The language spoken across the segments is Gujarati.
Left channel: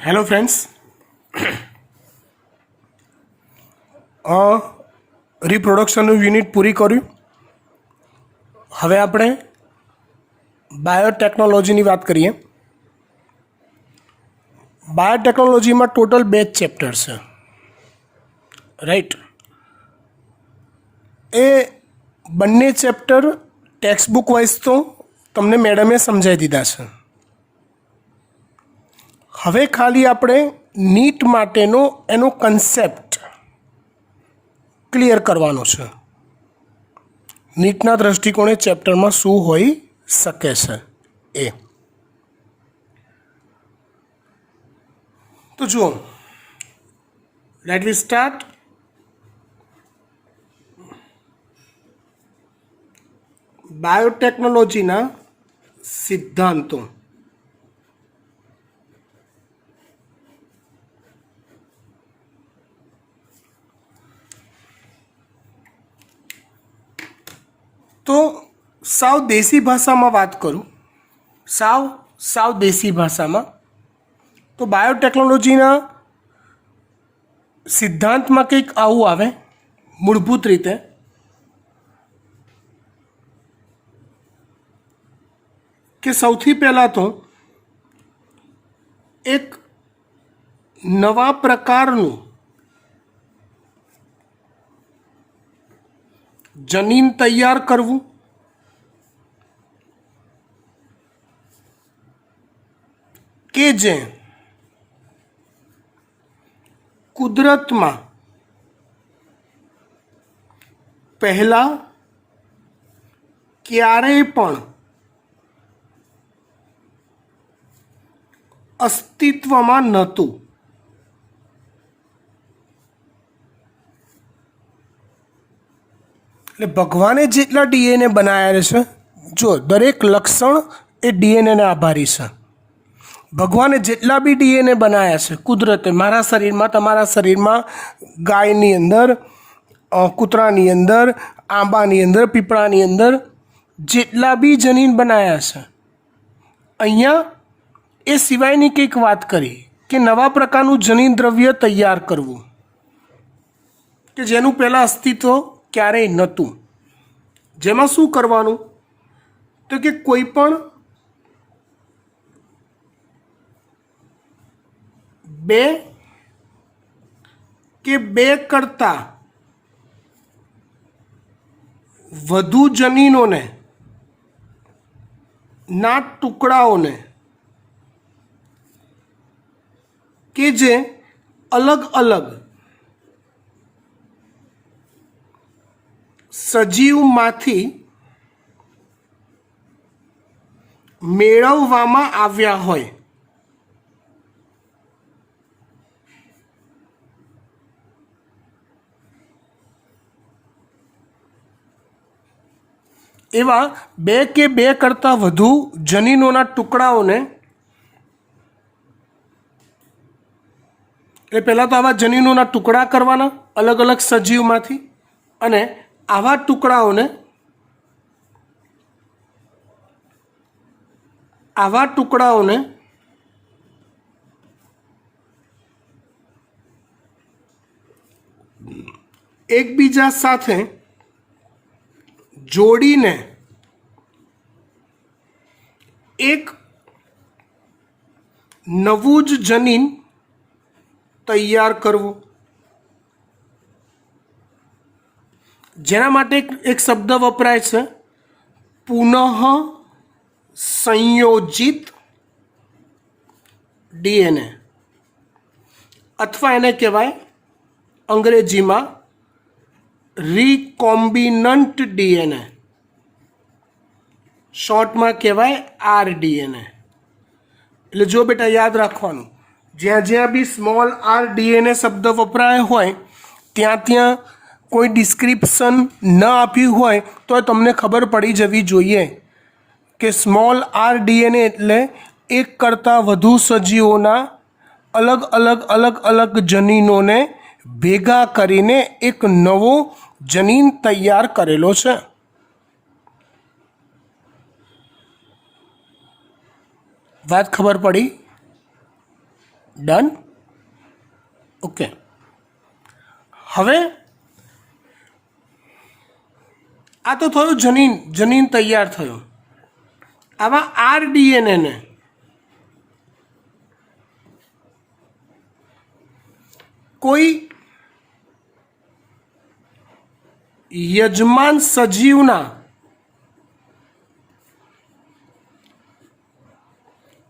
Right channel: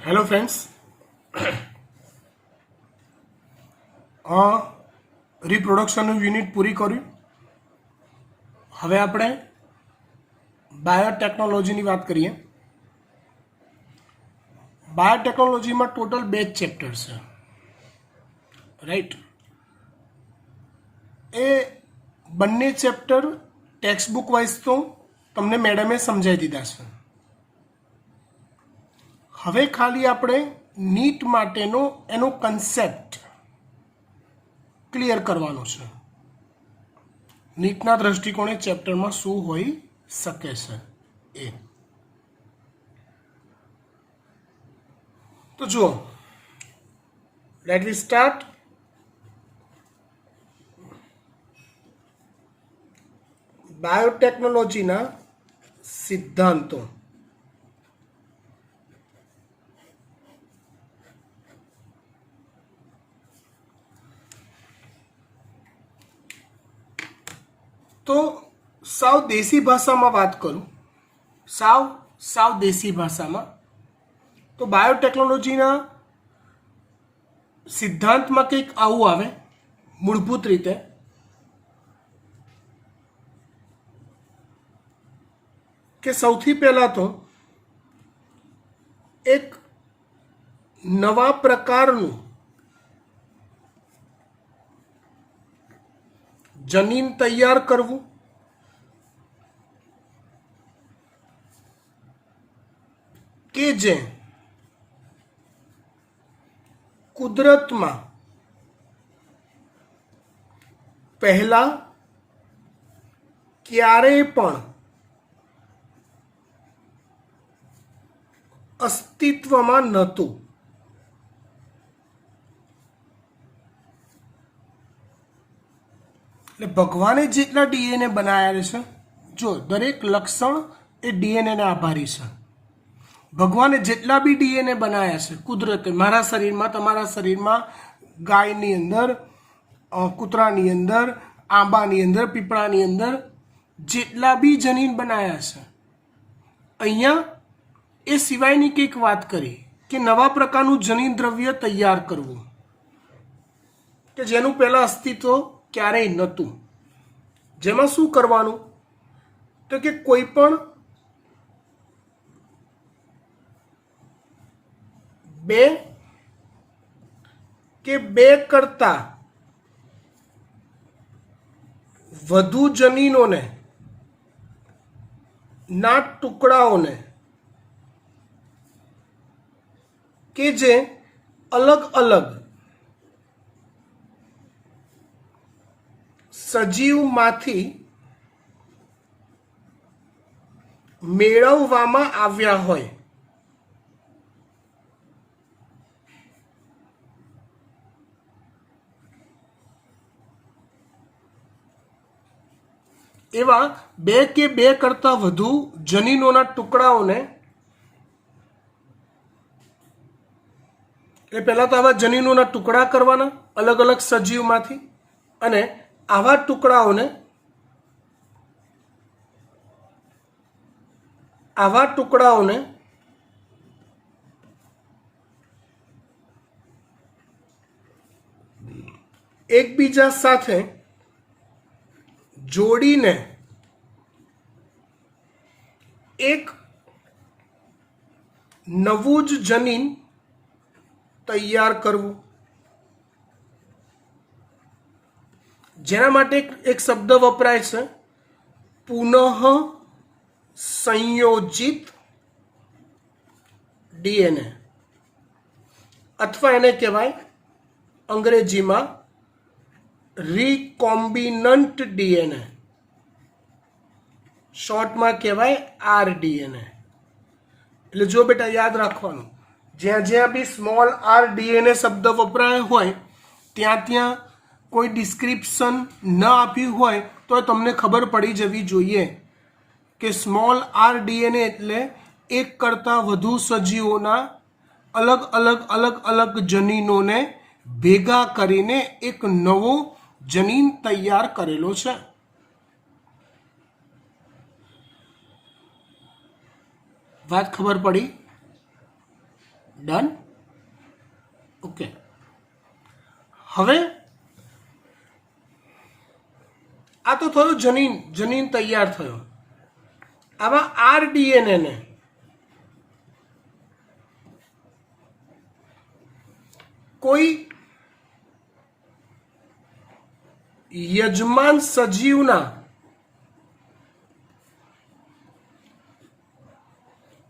हेलो फ्रेंड्स, रिप्रोडक्शन यूनिट पूरी કર્યું। હવે આપણે બાયોટેકનોલોજીની વાત કરીએ। બાયોટેકનોલોજીમાં ટોટલ 2 ચેપ્ટર છે, રાઈટ। એ બંને ચેપ્ટર ટેક્સ્ટ બુક વાઇઝ તો તમને મેડમે સમજાવી દીધા છે। હવે ખાલી આપણે નીટ માટેનો એનો કન્સેપ્ટ ક્લિયર કરવાનો છે। નીટના દૃષ્ટિકોણે ચેપ્ટરમાં શું હોઈ શકે છે એ તો જુઓ, લેટ વી સ્ટાર્ટ। બાયોટેકનોલોજીના સિદ્ધાંતો। तो साव देसी भाषा में बात करूँ, साव देसी भाषा में तो बायोटेक्नोलॉजी सिद्धांत में कंईक आवुं आवे। मूलभूत रीते कि सौथी पहला तो एक नवा प्रकारनुं जनीन तैयार करवू, के जे कुदरत में पहला क्यारेय पण अस्तित्व में नहोतुं। भगवाने जेटला डीएनए बनाया है, जो दरेक लक्षण ए डीएनए ने आभारी है। भगवाने जेटला भी डीएनए बनाया है कुदरते, मारा शरीर में, तमारा शरीर में, गायनी अंदर, कूतरानी अंदर, आंबानी अंदर, पीपळानी अंदर जेटला भी जनीन बनाया है, अहींया ए सिवायनी कंईक वात करी कि नवा प्रकारनुं जनीन द्रव्य तैयार करवुं कि जेनुं पहला अस्तित्व क्यारेय नहोतुं। जेमां शुं करवानुं तो कि कोई पण बे के बे करता वधु जनीनोने ना टुकड़ाओने के जे अलग अलग सजीव माथी मेळववामां आव्या होय। एवा बे के बे करता वधु जनीनोना टुकड़ाओने એટલે પહેલાં તો આવા જનીનોના ટુકડા કરવાના अलग अलग સજીવમાંથી, અને आवा टुकड़ाओने एकबीजा साथे जोड़ीने एक नवुं ज जनीन तैयार करवुं। जेना माटे एक शब्द वपराय छे, पुनः संयोजित डीएनए, अथवा एने कहेवाय अंग्रेजी में रिकॉम्बिनंट डीएनए, शॉर्ट में कहेवाय आरडीएनए। એટલે જો બેટા યાદ રાખવાનું, જ્યાં જ્યાં બી સ્મોલ આર ડીએનએ શબ્દ વપરાયો હોય ત્યાં ત્યાં કોઈ ડિસ્ક્રિપ્શન ન આપ્યું હોય તો તમને ખબર પડી જવી જોઈએ કે સ્મોલ આર ડીએનએ એટલે એક કરતાં વધુ સજીવોના અલગ અલગ અલગ અલગ જનીનોને ભેગા કરીને એક નવો જનીન તૈયાર કરેલો છે। વાત ખબર પડી? ડન. ઓકે, હવે આ તો થયું જનીન. જનીન તૈયાર થયું. આવા આરડીએનએને કોઈ યજમાન સજીવના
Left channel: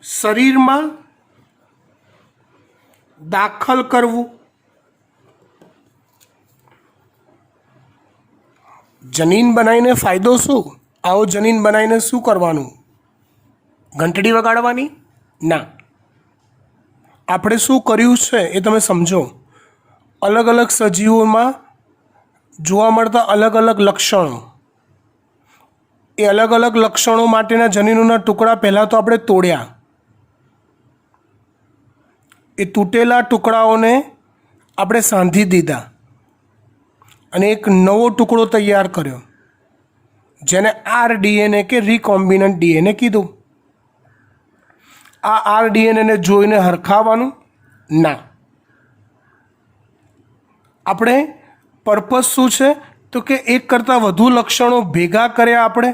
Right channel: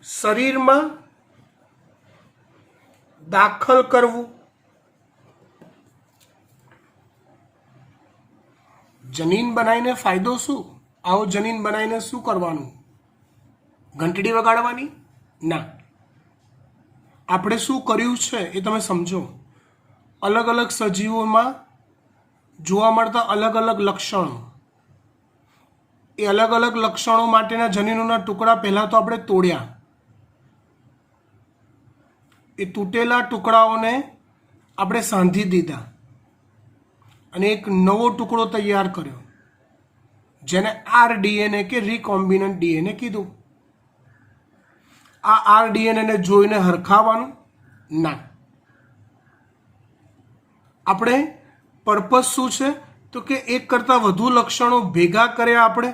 શરીરમાં દાખલ કરવું. જનીન બનાવીને ફાયદો શું? આવો જનીન બનાવીને શું કરવાનું? ઘંટડી વગાડવાની? ના. આપણે શું કર્યું છે એ તમે સમજો. અલગ અલગ સજીવોમાં જોવા મળતા અલગ અલગ લક્ષણો, એ અલગ અલગ લક્ષણો માટેના જનીનોના ટુકડા પહેલાં તો આપણે તોડ્યા. એ તૂટેલા ટુકડાઓને આપણે સાંધી દીધા અને એક નવો ટુકડો તૈયાર કર્યો, જેને આરડીએનએ કે રિકોમ્બિનન્ટ ડીએનએ કીધું. આ આરડીએનએને જોઈને હરખાવવાનું? ના. આપણે પર્પઝ શું છે? તો કે એક કરતાં વધુ લક્ષણો ભેગા કર્યા આપણે.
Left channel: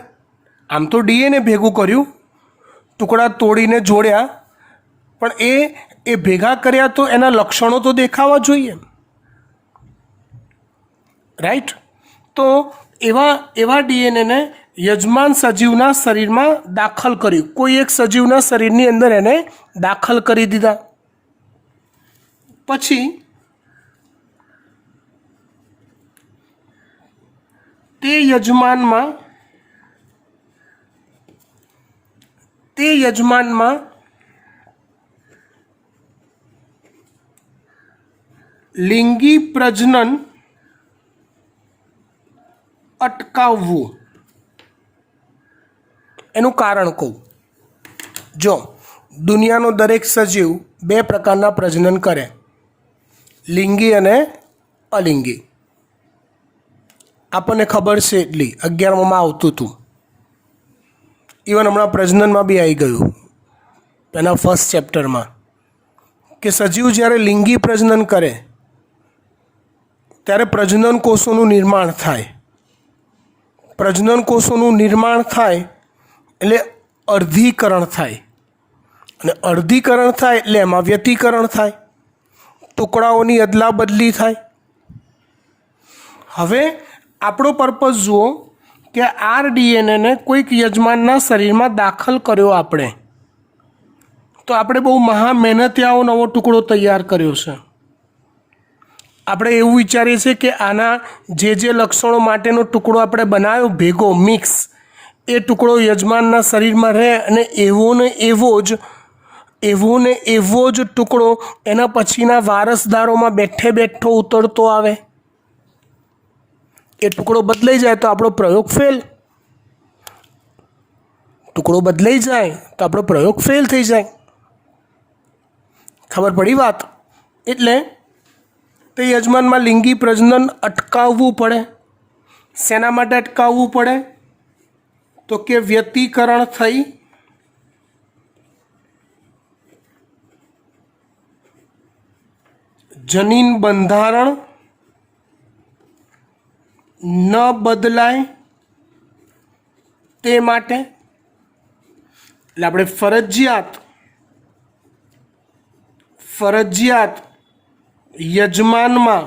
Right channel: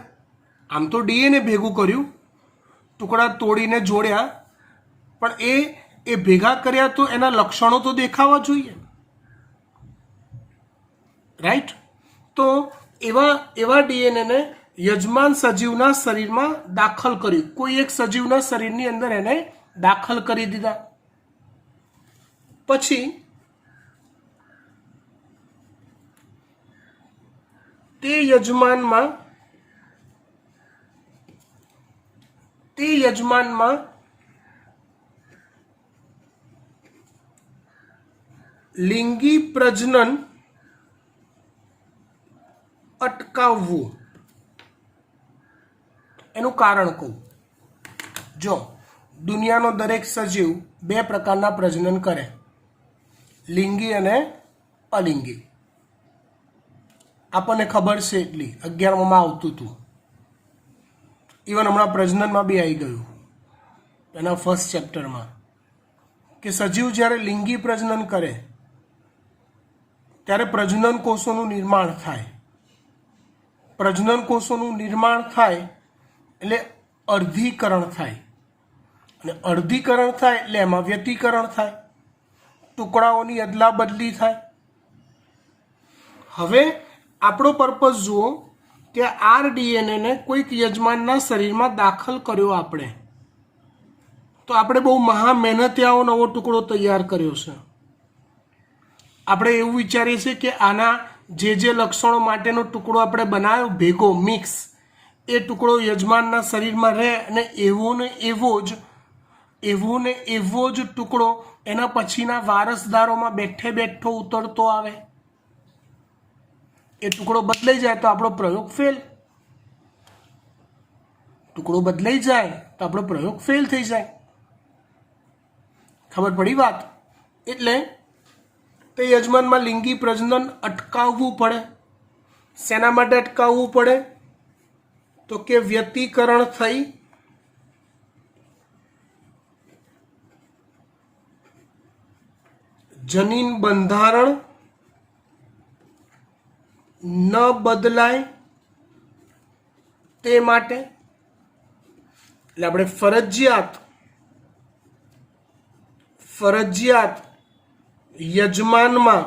આમ તો ડીએનએ ભેગું કર્યું, ટુકડા તોડીને જોડ્યા, પણ એ ભેગા કર્યા તો એના લક્ષણો તો દેખાવા જોઈએ, રાઈટ? તો એવા ડીએનએને યજમાન સજીવના શરીરમાં દાખલ કર્યું. કોઈ એક સજીવના શરીરની અંદર એને દાખલ કરી દીધા. પછી તે યજમાનમાં લિંગી પ્રજનન અટકાવવું. એનું કારણ કહું. જો દુનિયાનો દરેક સજીવ બે પ્રકારના પ્રજનન કરે, લિંગી અને અલિંગી. આપણને ખબર છે એટલી, 11માં આવતું હતું. ઇવન હમણાં પ્રજનનમાં બી આવી ગયું એના ફર્સ્ટ ચેપ્ટરમાં, કે સજીવ જ્યારે લિંગી પ્રજનન કરે ત્યારે પ્રજનન કોષોનું નિર્માણ થાય. પ્રજનન કોષોનું નિર્માણ થાય એટલે અર્ધીકરણ થાય, અને અર્ધીકરણ થાય એટલે એમાં વ્યતિકરણ થાય, ટુકડાઓની અદલા બદલી થાય. હવે આપણો પર્પઝ જુઓ કે આરડીએનએને કોઈક યજમાનના શરીરમાં દાખલ કર્યો આપણે, તો આપણે બહુ મહા મહેનતિયાઓ નવો ટુકડો તૈયાર કર્યો છે. આપણે એવું વિચારીએ છીએ કે આના જે લક્ષણો માટેનો ટુકડો આપણે બનાવ્યો ભેગો મિક્સ, એ ટુકડો યજમાનના શરીરમાં રહે અને એવો ને એવો જ ટુકડો એના પછીના વારસદારોમાં બેઠો ઉતરતો આવે. એ ટુકડો બદલાઈ જાય તો આપણો પ્રયોગ ફેલ. ટુકડો બદલાઈ જાય તો આપણો પ્રયોગ ફેલ થઈ જાય. ખબર પડી વાત? એટલે તે યજમાનમાં લિંગી પ્રજનન અટકાવવું પડે. શેના માટે અટકાવવું પડે? તો કે વ્યતિકરણ થઈ જનીન બંધારણ ન બદલાય તે માટે. એટલે આપણે ફરજિયાત યજમાનમાં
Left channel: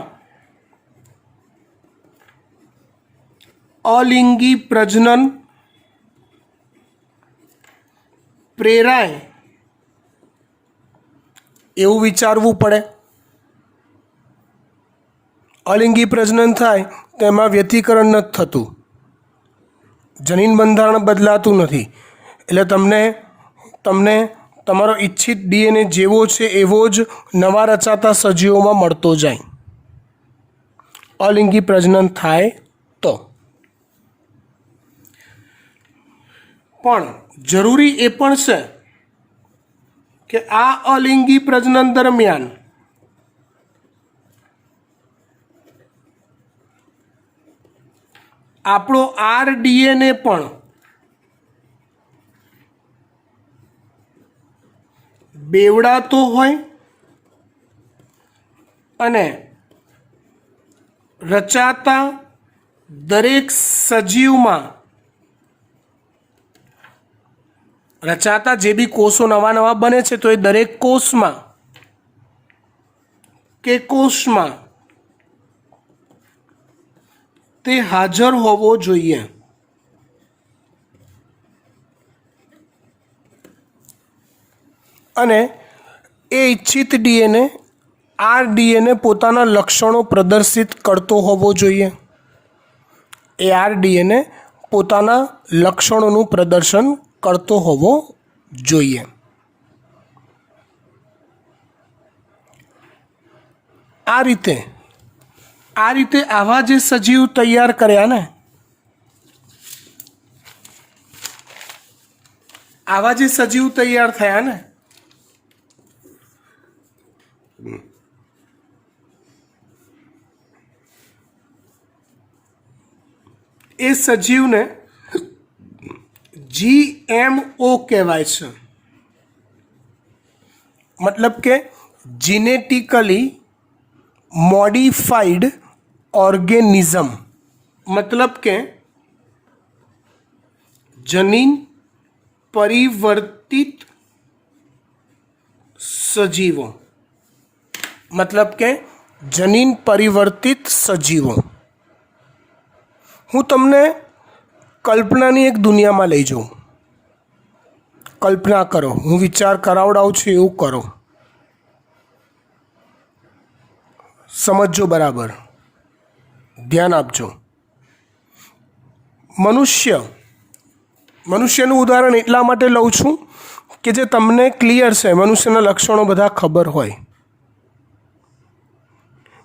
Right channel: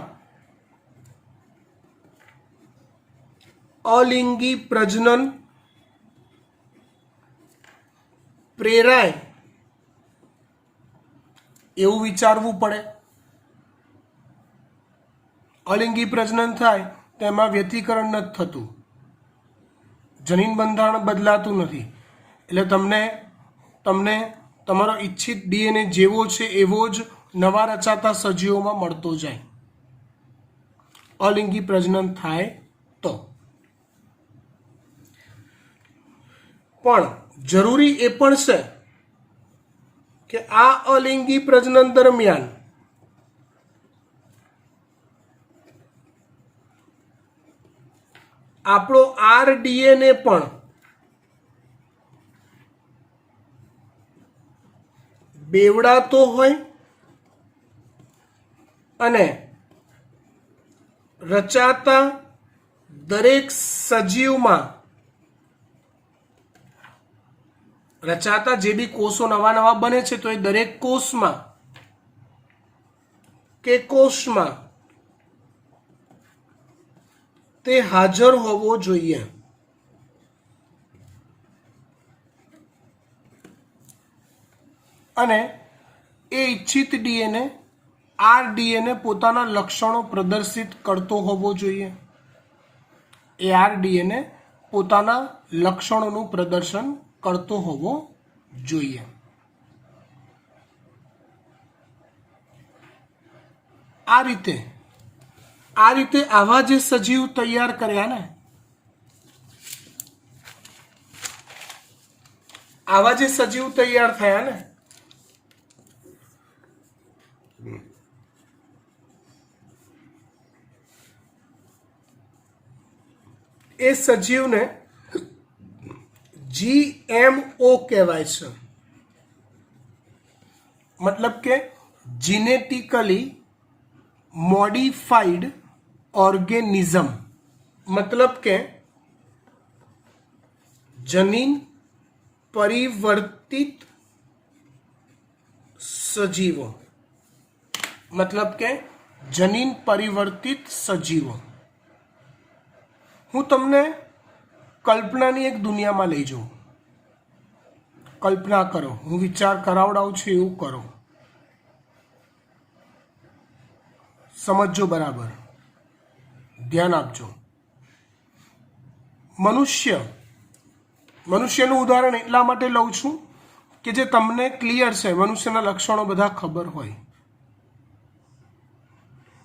અલિંગી પ્રજનન પ્રેરાય એવું વિચારવું પડે. અલિંગી પ્રજનન થાય તો એમાં વ્યતિકરણ નથી થતું, જનીન બંધારણ બદલાતું નથી, એટલે તમને તમારો ઈચ્છિત ડીએનએ જેવો છે એવો જ નવા રચાતા સજીવોમાં મળતો જાય. અલિંગી પ્રજનન થાય તો. પણ જરૂરી એ પણ છે કે આ અલિંગી પ્રજનન દરમિયાન આપણો આરડીએનએ પણ બેવડાતો હોય અને રચાતા દરેક સજીવમાં રચાતા જે બી કોષો નવા નવા બને છે તો એ દરેક કોષમાં કે કોષમાં તે હાજર હોવો જોઈએ. અને એ ઇચ્છિત ડીએનએ આર ડીએનએ પોતાના લક્ષણો પ્રદર્શિત કરતો હોવો જોઈએ. એ આર ડીએનએ પોતાના લક્ષણોનું પ્રદર્શન કરતો હોવો જોઈએ. આ રીતે આવા જે સજીવ તૈયાર કર્યા ને, આવા જે સજીવ તૈયાર થયા ને, એ સજીવને GMO કહેવાય છે. મતલબ કે જીનેટિકલી મોડિફાઈડ ઓર્ગેનિઝમ, મતલબ કે જનીન પરિવર્તિત સજીવો, મતલબ કે જનીન પરિવર્તિત સજીવો. હું તમને કલ્પનાની એક દુનિયામાં લઈ જાઉં. કલ્પના કરો, હું વિચાર કરાવડાવું છું એવું કરો, સમજજો બરાબર, ધ્યાન આપજો. મનુષ્યનું ઉદાહરણ એટલા માટે લઉં છું કે જે તમને ક્લિયર છે, મનુષ્યના લક્ષણો બધા ખબર હોય.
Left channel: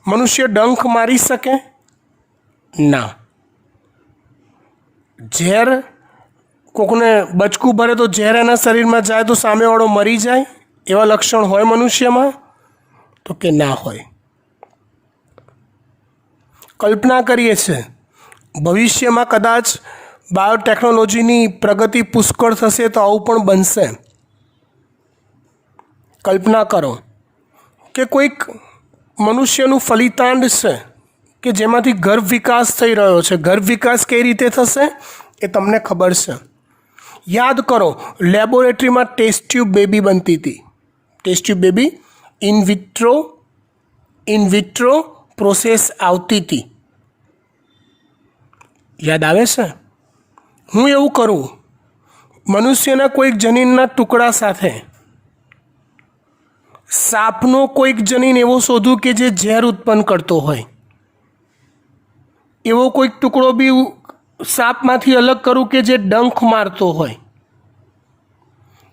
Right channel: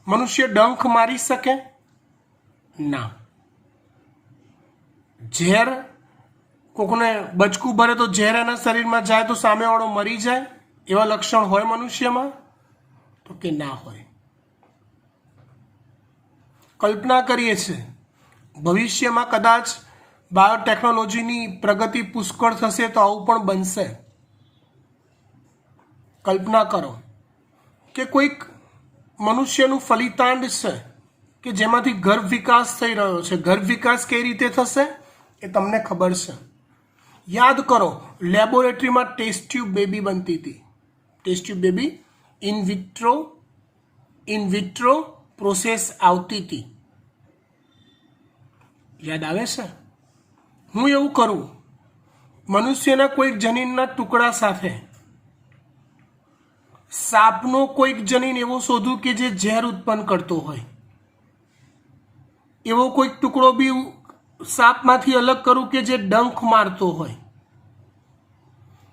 મનુષ્ય ડંખ મારી શકે? ના. ઝેર, કોકને બચકું ભરે તો ઝેર એના શરીરમાં જાય તો સામેવાળો મરી જાય, એવા લક્ષણ હોય મનુષ્યમાં? તો કે ના હોય. કલ્પના કરીએ છીએ ભવિષ્યમાં કદાચ બાયોટેકનોલોજીની પ્રગતિ પુષ્કળ થશે તો આવું પણ બનશે. કલ્પના કરો કે કોઈક મનુષ્યનું ફલિતાંડ છે કે જેમાંથી ગર્ભ વિકાસ થઈ રહ્યો છે. ગર્ભ વિકાસ કઈ રીતે થશે એ તમને ખબર છે. યાદ કરો, લેબોરેટરીમાં ટેસ્ટ ટ્યુબ બેબી બનતી હતી. Test tube baby in vitro process આવતી હતી. યાદ આવે છે? હું એવું કરું, મનુષ્યના કોઈક જનીનના ટુકડા સાથે સાપનો કોઈક જનીન એવો શોધું કે જે ઝેર ઉત્પન્ન કરતો હોય. એવો કોઈક ટુકડો બી સાપમાંથી અલગ કરું કે જે ડંખ મારતો હોય.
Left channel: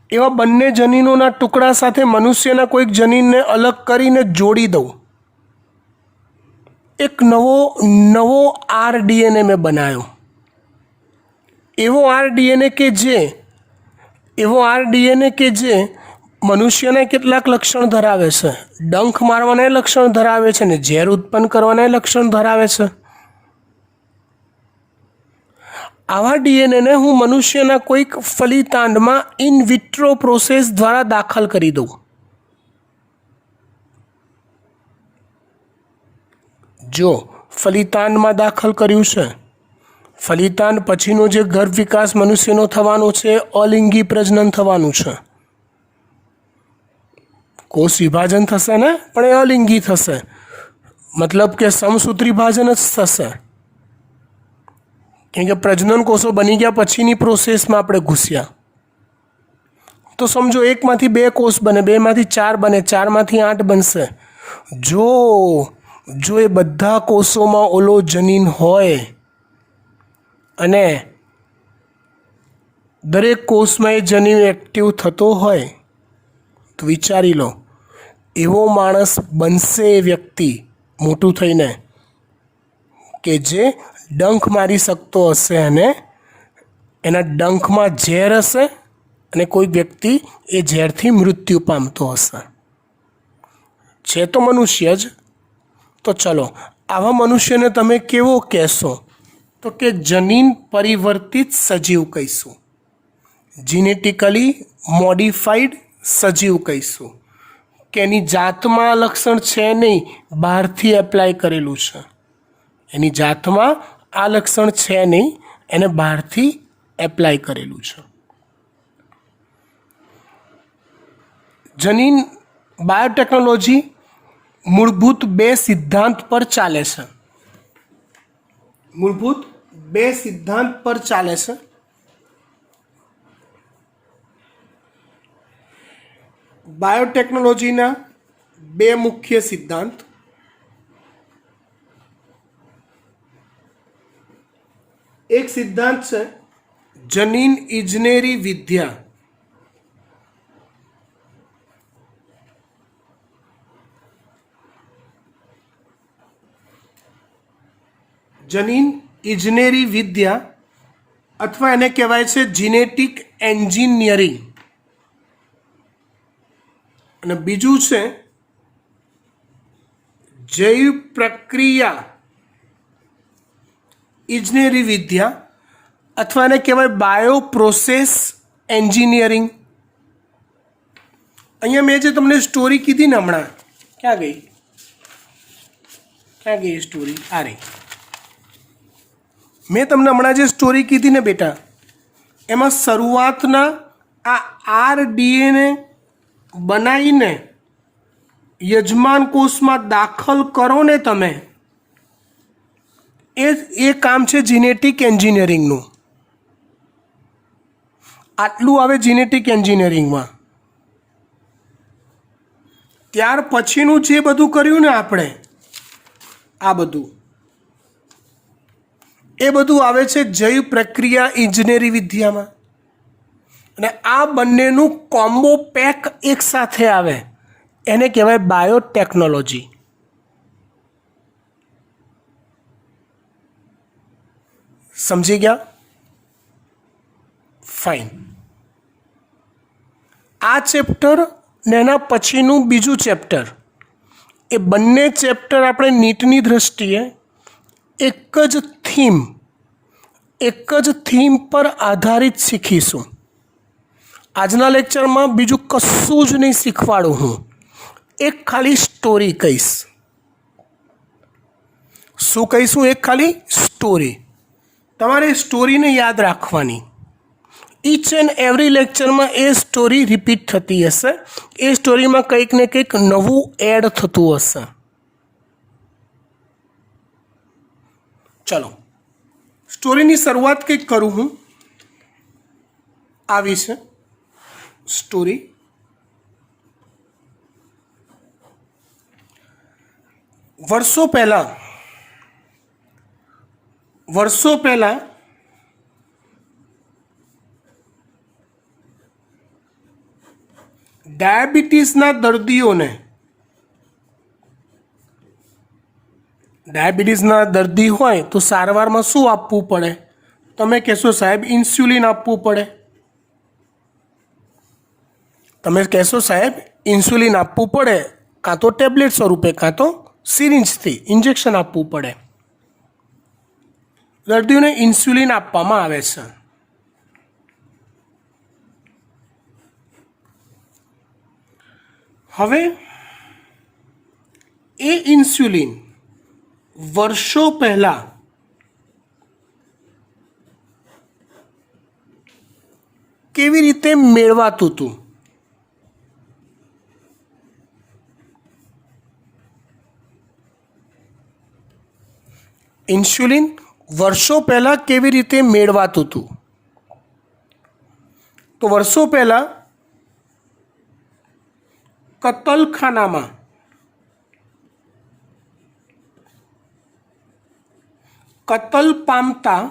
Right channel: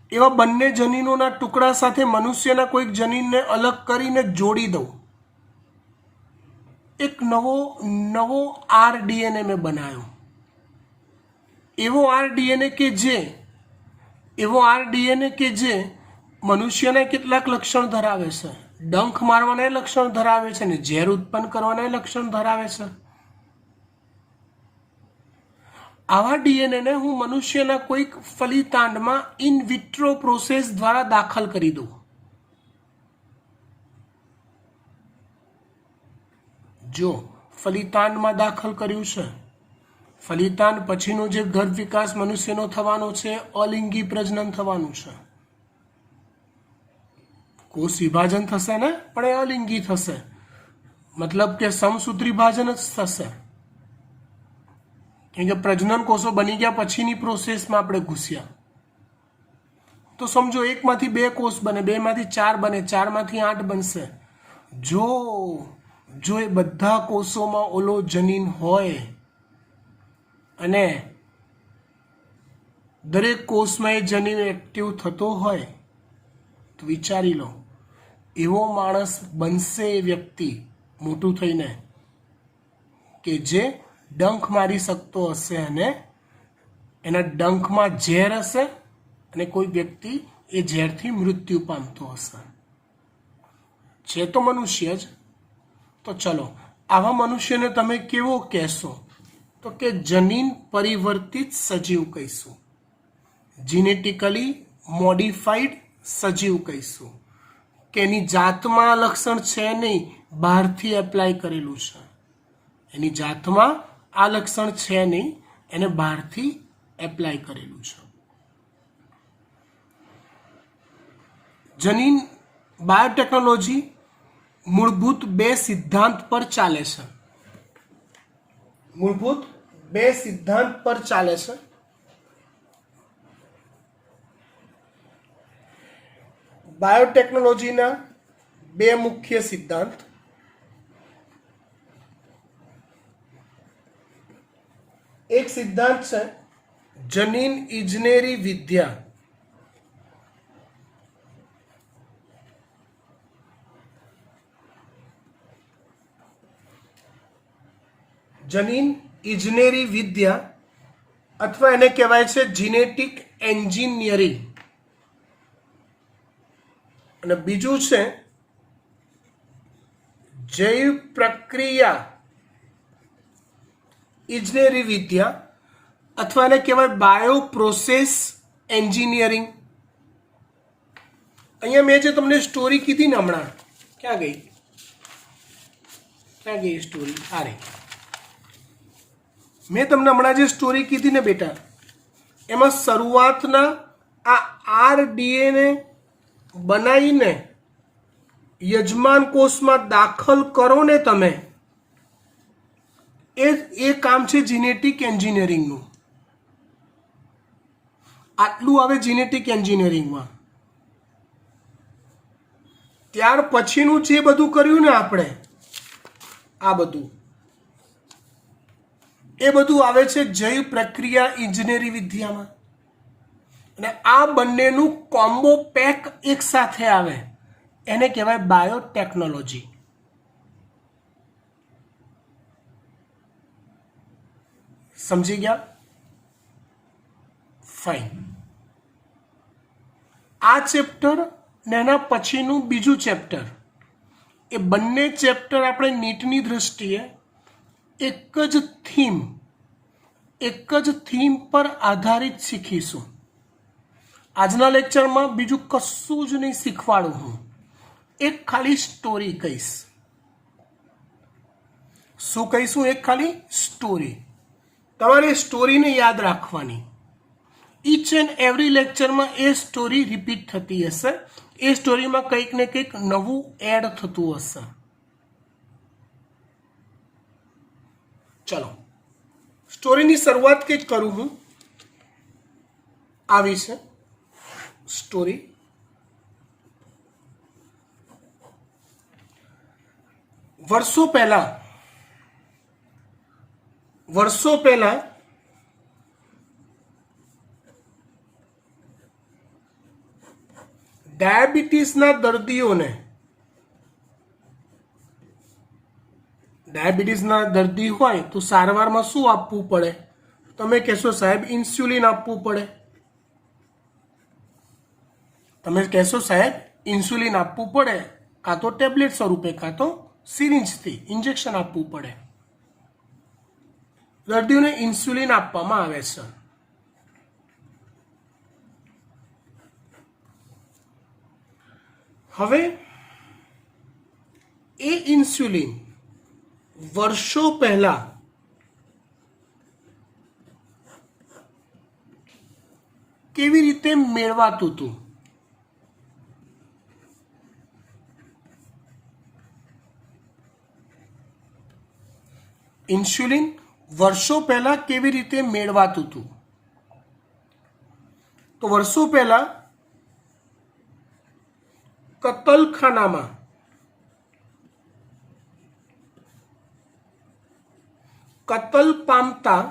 એવા બંને જનીનોના ટુકડા સાથે મનુષ્યના કોઈક જનીનને અલગ કરીને જોડી દઉં. એક નવો આરડીએનએ મેં બનાવ્યો. એવો આરડીએનએ કે જે મનુષ્યના કેટલાક લક્ષણ ધરાવે છે. ડંખ મારવાના લક્ષણ ધરાવે છે ને ઝેર ઉત્પન્ન કરવાના લક્ષણ ધરાવે છે. આવા ડીએનએને હું મનુષ્યના કોઈક ફલિતાંડમાં ઇન વિટ્રો પ્રોસેસ દ્વારા દાખલ કરી દઉં. જો ફલિતાંડમાં દાખલ કર્યું છે, ફલિતાંડ પછીનો જે ગર્ભ વિકાસ મનુષ્યનો થવાનો છે અલિંગી પ્રજનન થવાનું છે. કોષ વિભાજન થશે ને, પણ એ અલિંગી થશે, મતલબ કે સમસૂત્રી ભાજન જ થશે. કેમ કે પ્રજનન કોષો બની ગયા પછીની પ્રોસેસમાં આપણે ઘૂસ્યા. તો સમજો એકમાંથી 2 કોષ બને, 2માંથી 4 બને, 4માંથી 8 બનશે. જો એ બધા કોષોમાં ઓલો જનીન હોય અને દરેક કોષમાં એ જનીન એક્ટિવ થતો હોય તો વિચારી લો, એવો માણસ બનશે એ વ્યક્તિ મોટું થઈને કે જે ડંખ મારી શકતો હશે અને એના ડંખમાં ઝેર હશે અને કોઈ વ્યક્તિ એ ઝેરથી મૃત્યુ પામતો હશે. છે તો મનુષ્ય જ. તો ચલો, આવા મનુષ્યને તમે કેવો કહેશો? તો કે જનીન પરિવર્તિત સજીવ કહીશું, જીનેટિકલી મોડિફાઈડ સજીવ કહીશું. કે એની જાતમાં આ લક્ષણ છે નહીં, બહારથી એપ્લાય કરેલું છે. એની જાતમાં આ લક્ષણ છે નહીં, એને બહારથી એપ્લાય કરેલું છે. જનીન બાયોટેકનોલોજી મૂળભૂત બે સિદ્ધાંત પર ચાલે છે. મૂળભૂત બે સિદ્ધાંત પર ચાલે છે. બાયોટેકનોલોજીના બે મુખ્ય સિદ્ધાંત. એક સિદ્ધાંત છે જનીન ઇજનેરી વિદ્યા. જનીન ઇજનેરી વિદ્યા અથવા એને કહેવાય છે જીનેટિક એન્જિનિયરિંગ. અને બીજું છે જૈવ પ્રક્રિયા ઇજનેરી વિદ્યા અથવા એને કહેવાય બાયો પ્રોસેસ એન્જિનિયરિંગ. અહીંયા મેં જે તમને સ્ટોરી કીધી ને હમણાં, ક્યાં ગઈ સ્ટોરી? આ રહી. મેં તમને હમણાં જે સ્ટોરી કીધી ને બેટા, એમાં શરૂઆતના આ RDNA બનાવીને યજમાન કોષમાં દાખલ કરો ને તમે, એ કામ છે જીનેટિક એન્જિનિયરિંગનું. આટલું આવે જીનેટિક એન્જિનિયરિંગમાં. ત્યાર પછીનું જે બધું કર્યું ને આપણે, આ બધું, એ બધું આવે છે જૈવ પ્રક્રિયા ઇજનેરી વિદ્યામાં. અને આ બંનેનું કોમ્બો પેક એક સાથે આવે, એને કહેવાય બાયોટેકનોલોજી. સમજી ગયા? ફાઇન. આ ચેપ્ટર ને એના પછીનું બીજું ચેપ્ટર, એ બંને ચેપ્ટર આપણે નીટની દ્રષ્ટિએ એક જ થીમ પર આધારિત શીખીશું. આજના લેક્ચરમાં બીજું કશું જ નહીં શીખવાડું હું, એક ખાલી સ્ટોરી કહીશ. શું કહીશું? એક ખાલી સ્ટોરી. તમારે સ્ટોરીને યાદ રાખવાની. ઈચ એન્ડ એવરી લેક્ચરમાં એ સ્ટોરી રિપીટ થતી હશે. એ સ્ટોરીમાં કંઈક ને કંઈક નવું એડ થતું હશે. ચલો, સ્ટોરીની શરૂઆત કંઈક કરું હું. આવી છે સ્ટોરી. વર્ષો પહેલા ડાયાબિટીસના દર્દી હોય તો સારવારમાં શું આપવું પડે? તમે કહેશો સાહેબ ઇન્સ્યુલિન આપવું પડે. તમે કહેશો સાહેબ ઇન્સ્યુલિન આપવું પડે, કાં તો ટેબ્લેટ સ્વરૂપે કાં તો સિરિંજથી ઇન્જેક્શન આપવું પડે. દર્દીઓને ઇન્સ્યુલિન આપવામાં આવે છે. હવે એ ઇન્સ્યુલિન વર્ષો પહેલા કેવી રીતે મેળવાતું હતું? ઇન્સ્યુલિન વર્ષો પહેલા કેવી રીતે મેળવાતું હતું? તો વર્ષો પહેલા કતલખાનામાં કતલ પામતા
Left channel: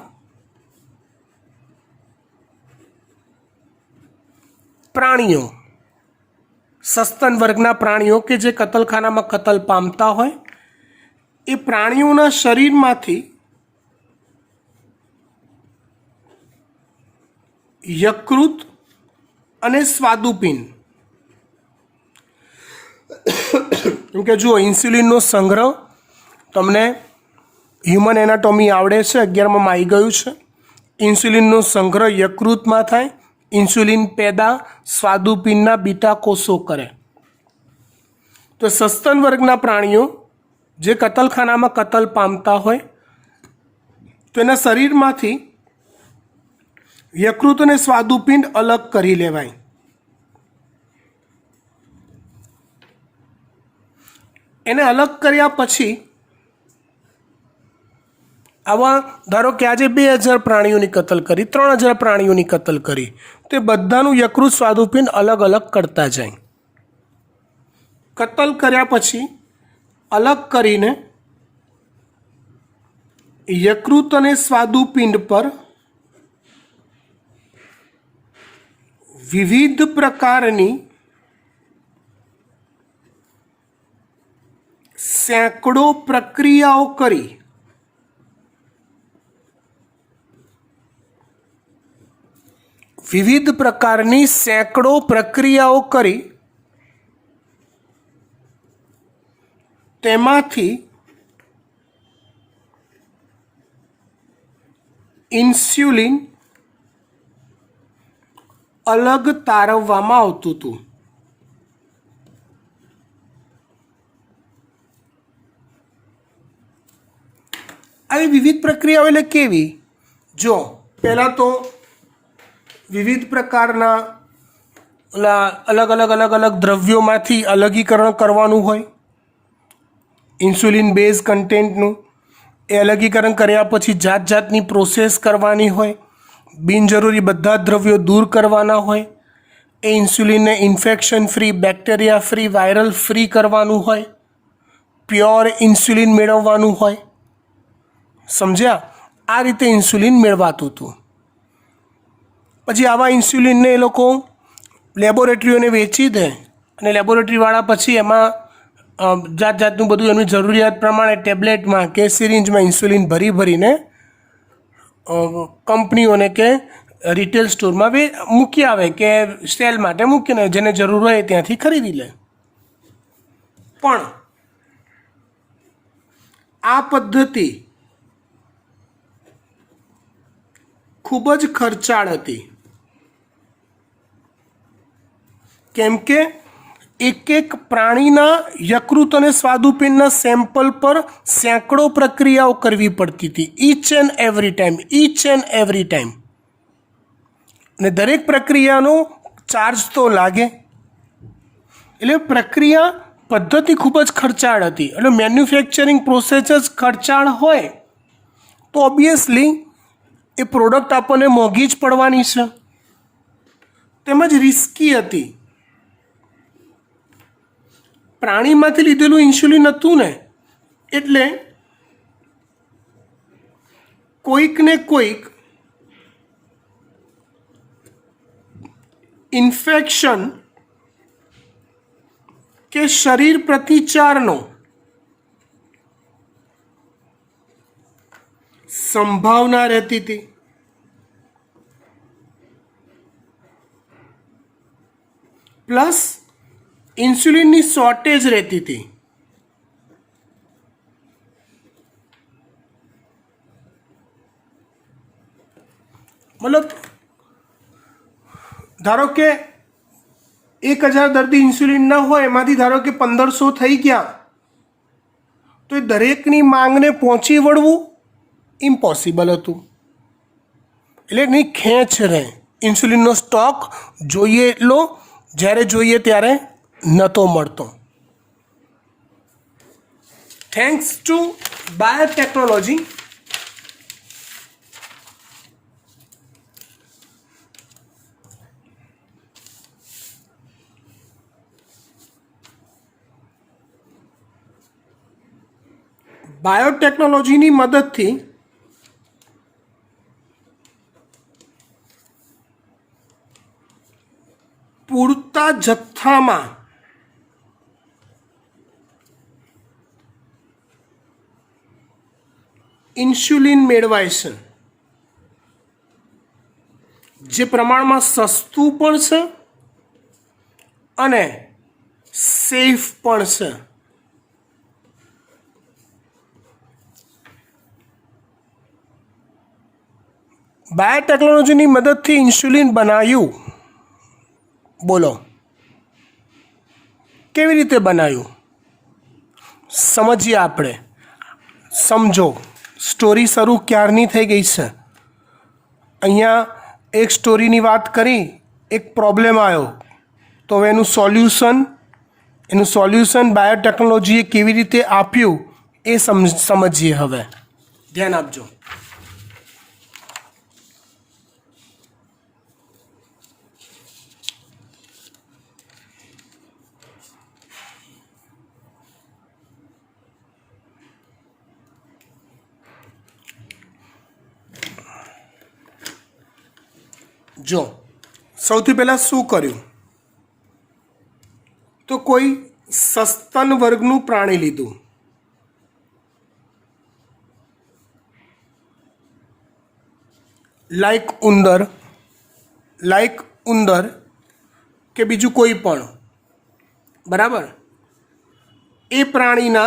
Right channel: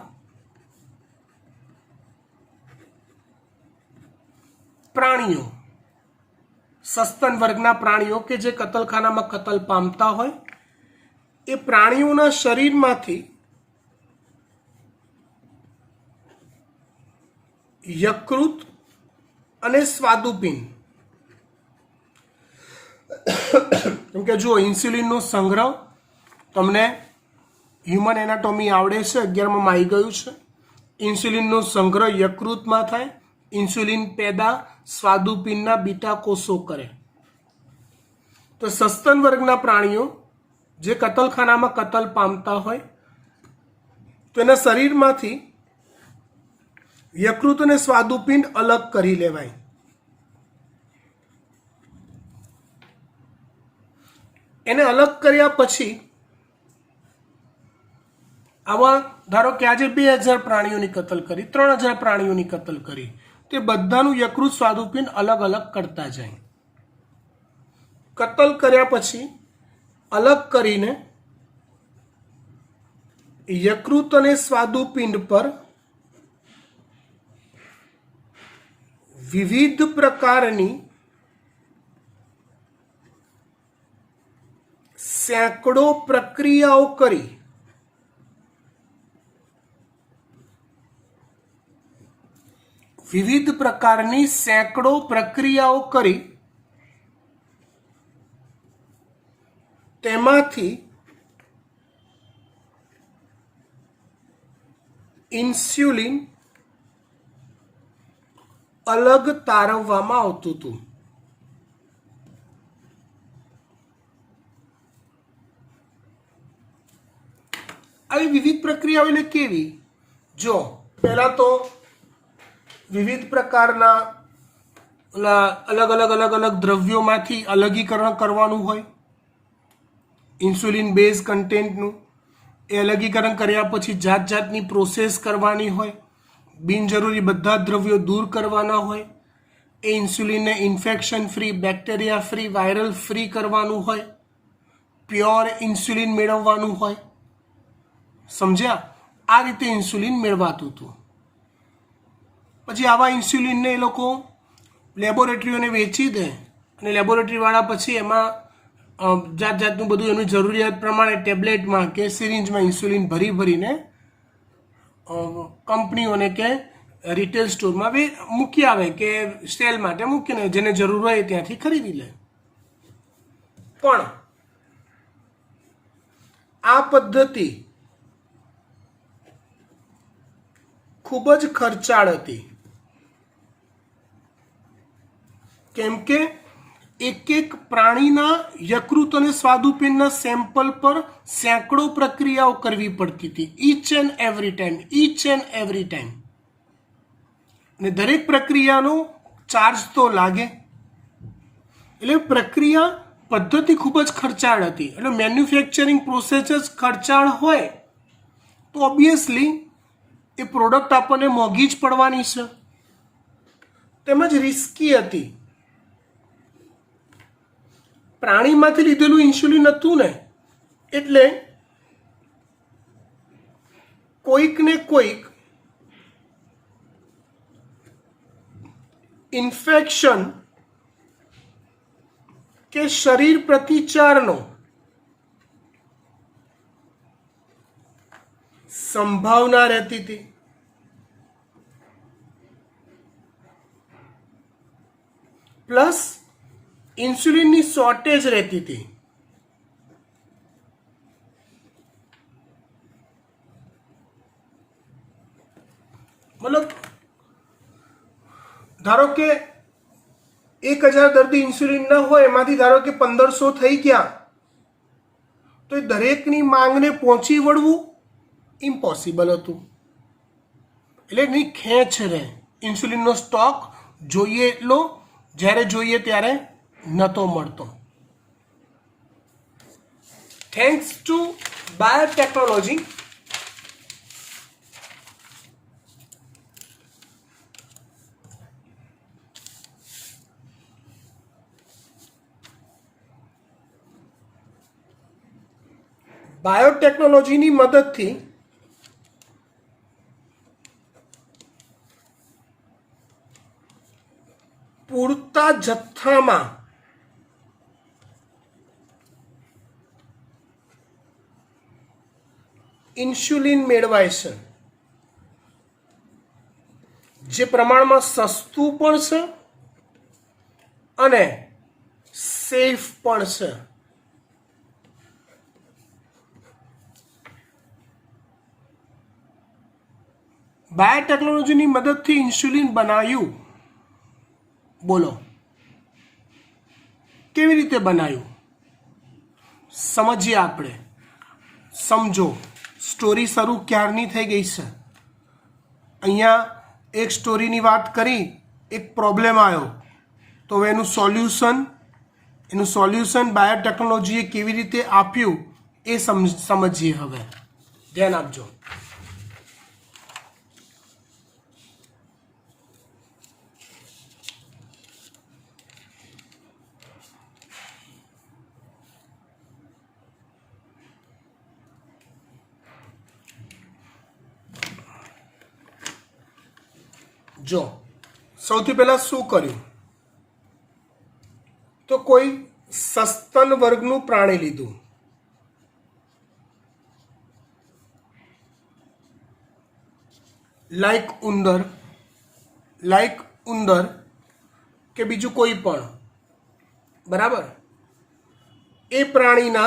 પ્રાણીઓ, સસ્તન વર્ગના પ્રાણીઓ કે જે કતલખાનામાં કતલ પામતા હોય, એ પ્રાણીઓના શરીરમાંથી યકૃત અને સ્વાદુપિંડ, કેમ કે જુઓ ઇન્સ્યુલિનનો સંગ્રહ તમને હ્યુમન એનાટોમી આવડે છે, 11માં આવી ગયું છે. ઇન્સ્યુલિનનો સંગ્રહ યકૃતમાં થાય, ઇન્સ્યુલિન પેદા સ્વાદુપિંડના બીટા કોષો કરે. તો સસ્તન વર્ગના પ્રાણીઓ જે કતલખાનામાં કતલ પામતા હોય તો એના શરીરમાંથી યકૃત અને સ્વાદુપિંડ અલગ કરી લેવાય. એને અલગ કર્યા પછી આવા ધારો કે આજે 2000 પ્રાણીઓની કતલ કરી, 3000 પ્રાણીઓની કતલ કરી, તો એ બધાનું યકૃત સ્વાદુપિંડ અલગ અલગ કરતા જાય. કતલ કર્યા પછી અલગ કરીને યકૃત અને સ્વાદુપિંડ પર વિવિધ પ્રકારની સેંકડો પ્રક્રિયાઓ કરી તેમાંથી ઇન્સ્યુલિન અલગ તારવવામાં આવતું હતું. આવી વિવિધ પ્રક્રિયાઓ એટલે કેવી? જો પહેલાં તો વિવિધ પ્રકારના અલગ અલગ દ્રવ્યોમાંથી અલગીકરણ કરવાનું હોય ઇન્સ્યુલિન બેઝ કન્ટેન્ટનું. એ અલગીકરણ કર્યા પછી જાત જાતની પ્રોસેસ કરવાની હોય, બિનજરૂરી બધા દ્રવ્યો દૂર કરવાના હોય. એ ઇન્સ્યુલિનને infection free, bacteria free, viral free કરવાનું હોય, પ્યોર ઇન્સ્યુલિન મેળવવાનું હોય. સમજ્યા? આ રીતે ઇન્સ્યુલિન મેળવાતું હતું. પછી આવા ઇન્સ્યુલિનને એ લોકો લેબોરેટરીઓને વેચી દે અને લેબોરેટરીવાળા પછી એમાં જાત જાતનું બધું એમની જરૂરિયાત પ્રમાણે ટેબ્લેટમાં કે સિરિંજમાં ઇન્સ્યુલિન ભરીને કંપનીઓને કે રિટેલ સ્ટોરમાં મૂકી આવે કે સેલ માટે મૂકીને જેને જરૂર હોય ત્યાંથી ખરીદી લે. પણ આ પદ્ધતિ ખૂબ જ ખર્ચાળ હતી, કેમ કે એક પ્રાણીના યકૃત અને સ્વાદુપિંડના સેમ્પલ પર સેંકડો પ્રક્રિયાઓ કરવી પડતી હતી, ઈચ એન્ડ એવરી ટાઈમ. અને દરેક પ્રક્રિયાનો ચાર્જ તો લાગે. એટલે પ્રક્રિયા પદ્ધતિ ખૂબ જ ખર્ચાળ હતી. એટલે મેન્યુફેક્ચરિંગ પ્રોસેસ જ ખર્ચાળ હોય તો ઓબ્વિયસલી એ પ્રોડક્ટ આપણને મોંઘી જ પડવાની છે, તેમજ રિસ્કી હતી. પ્રાણીમાંથી લીધેલું ઇન્સ્યુલિન હતું ને, એટલે કોઈક ને કોઈક ઇન્ફેક્શન કે શરીર પ્રતિચારનો સંભાવના રહેતી હતી. પ્લસ ઇન્સ્યુલિનની શોર્ટેજ રહેતી હતી. મતલબ ધારો કે 1000 દર્દી ઇન્સ્યુલિન ન હોય, એમાંથી ધારો કે 1500 થઈ ગયા, તો એ દરેકની માંગને પહોંચી વળવું ઇમ્પોસિબલ હતું. એટલે એની ખેંચ રહે. ઇન્સ્યુલિનનો સ્ટોક જોઈએ એટલો જ્યારે જોઈએ ત્યારે નહોતો મળતો. થેન્ક્સ ટુ બાયોટેકનોલોજી બાયોટેકનોલોજીની મદદથી પૂરતા જથ્થામાં ઇન્સ્યુલિન મેળવાય છે, જે પ્રમાણમાં સસ્તું પણ છે અને સેફ પણ છે. બાયોટેકનોલોજીની મદદથી ઇન્સ્યુલિન બનાવ્યું. બોલો કેવી રીતે બનાવ્યું? समझिए આપણે समझो स्टोरी शुरू क्यारनी थई गई है। अहींया एक स्टोरीनी बात करी, एक प्रॉब्लम आयो तो हवे एनुं सोल्यूशन बायोटेक्नोलॉजीए केवी रीते आप्युं ए समझिए। हवे ध्यान आपजो। जो સૌથી પહેલા શું કર્યું તો કોઈ સસ્તન વર્ગનું પ્રાણી લીધું, લાઈક ઉંદર કે બીજું કોઈ પણ, બરાબર। એ પ્રાણીના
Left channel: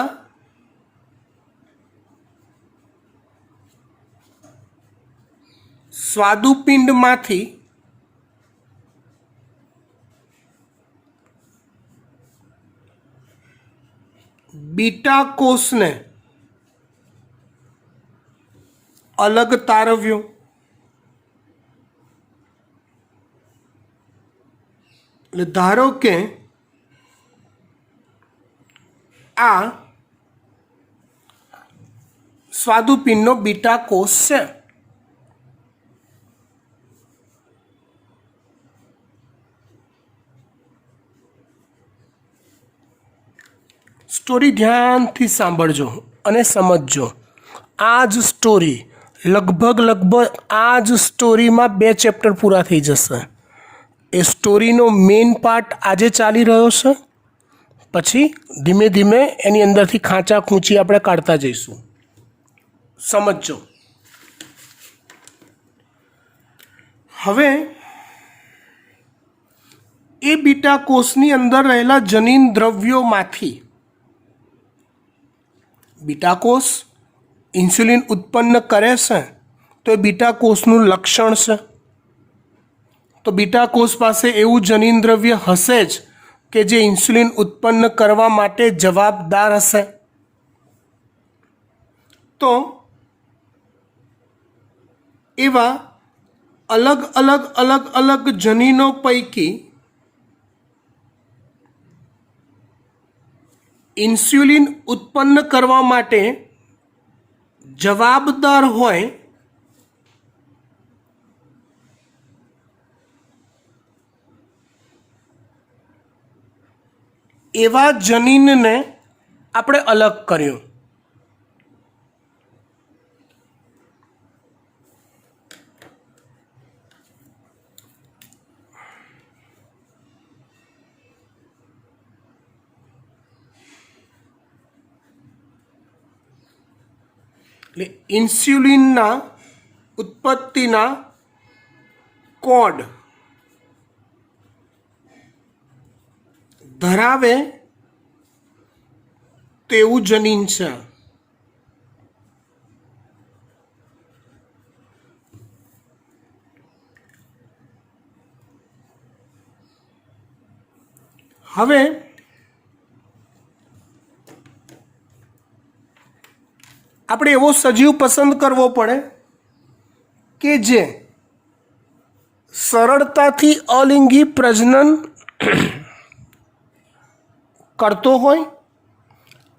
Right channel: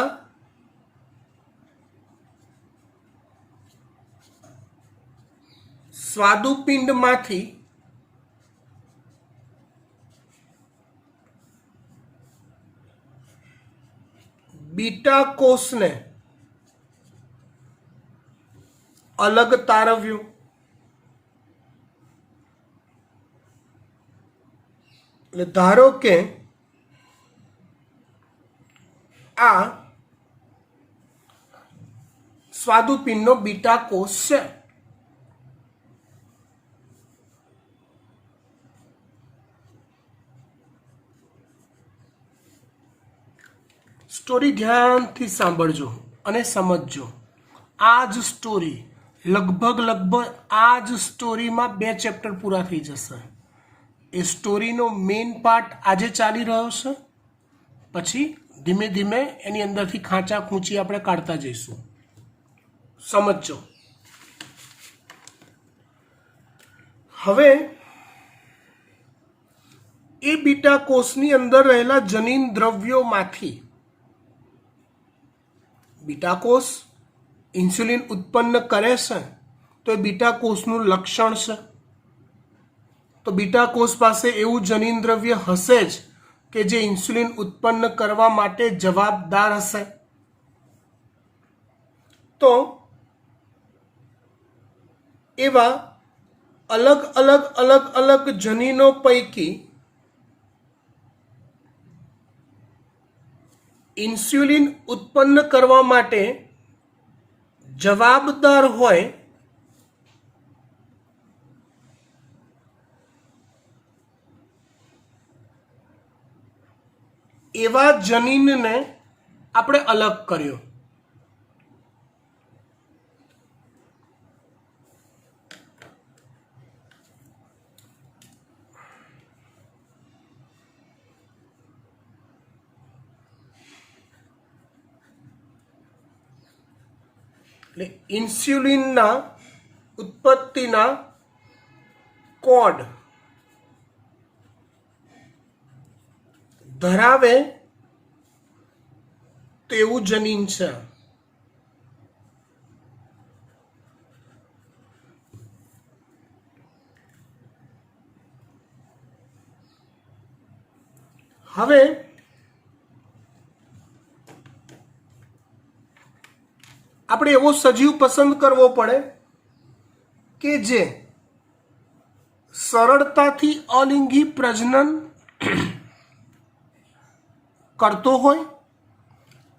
સ્વાદુપિંડમાંથી बीटा कोष ने अलग तारव्यो। धारो के आ स्वादुपिंडनो बीटा कोष है। स्टोरी ध्यान थी सांभळजो अने समझजो। आज स्टोरी लगभग आज स्टोरी में 2 चैप्टर पूरा थी जशे। ए स्टोरीनो मेन पार्ट आजे चाली रह्यो छे, पछी धीमे धीमे एनी अंदरथी खांचा खूंची आपणे काढता जईशुं। समझजो। हवे ए बीटा कोषनी अंदर रहेला जनीन द्रव्योमांथी बीटा कोष इंसुलिन उत्पन्न करे छे तो ए बीटा कोषनुं लक्षण छे। तो बीटा कोष पासे एवुं जनीन द्रव्य हशे ज के जे इंसुलिन उत्पन्न करवा माटे जवाबदार हशे। तो एवा अलग अलग जनीनों पैकी इंसुलिन उत्पन्न करवा माटे जवाबदार होय एवा जनीन ने आपणे अलग कर्यो। એટલે ઇન્સ્યુલિનના ઉત્પત્તિના કોડ ધરાવે તેવું જનીન છે। હવે આપણે એવો સજીવ પસંદ કરવો પડે કે જે સરળતાથી અલિંગી પ્રજનન કરતો હોય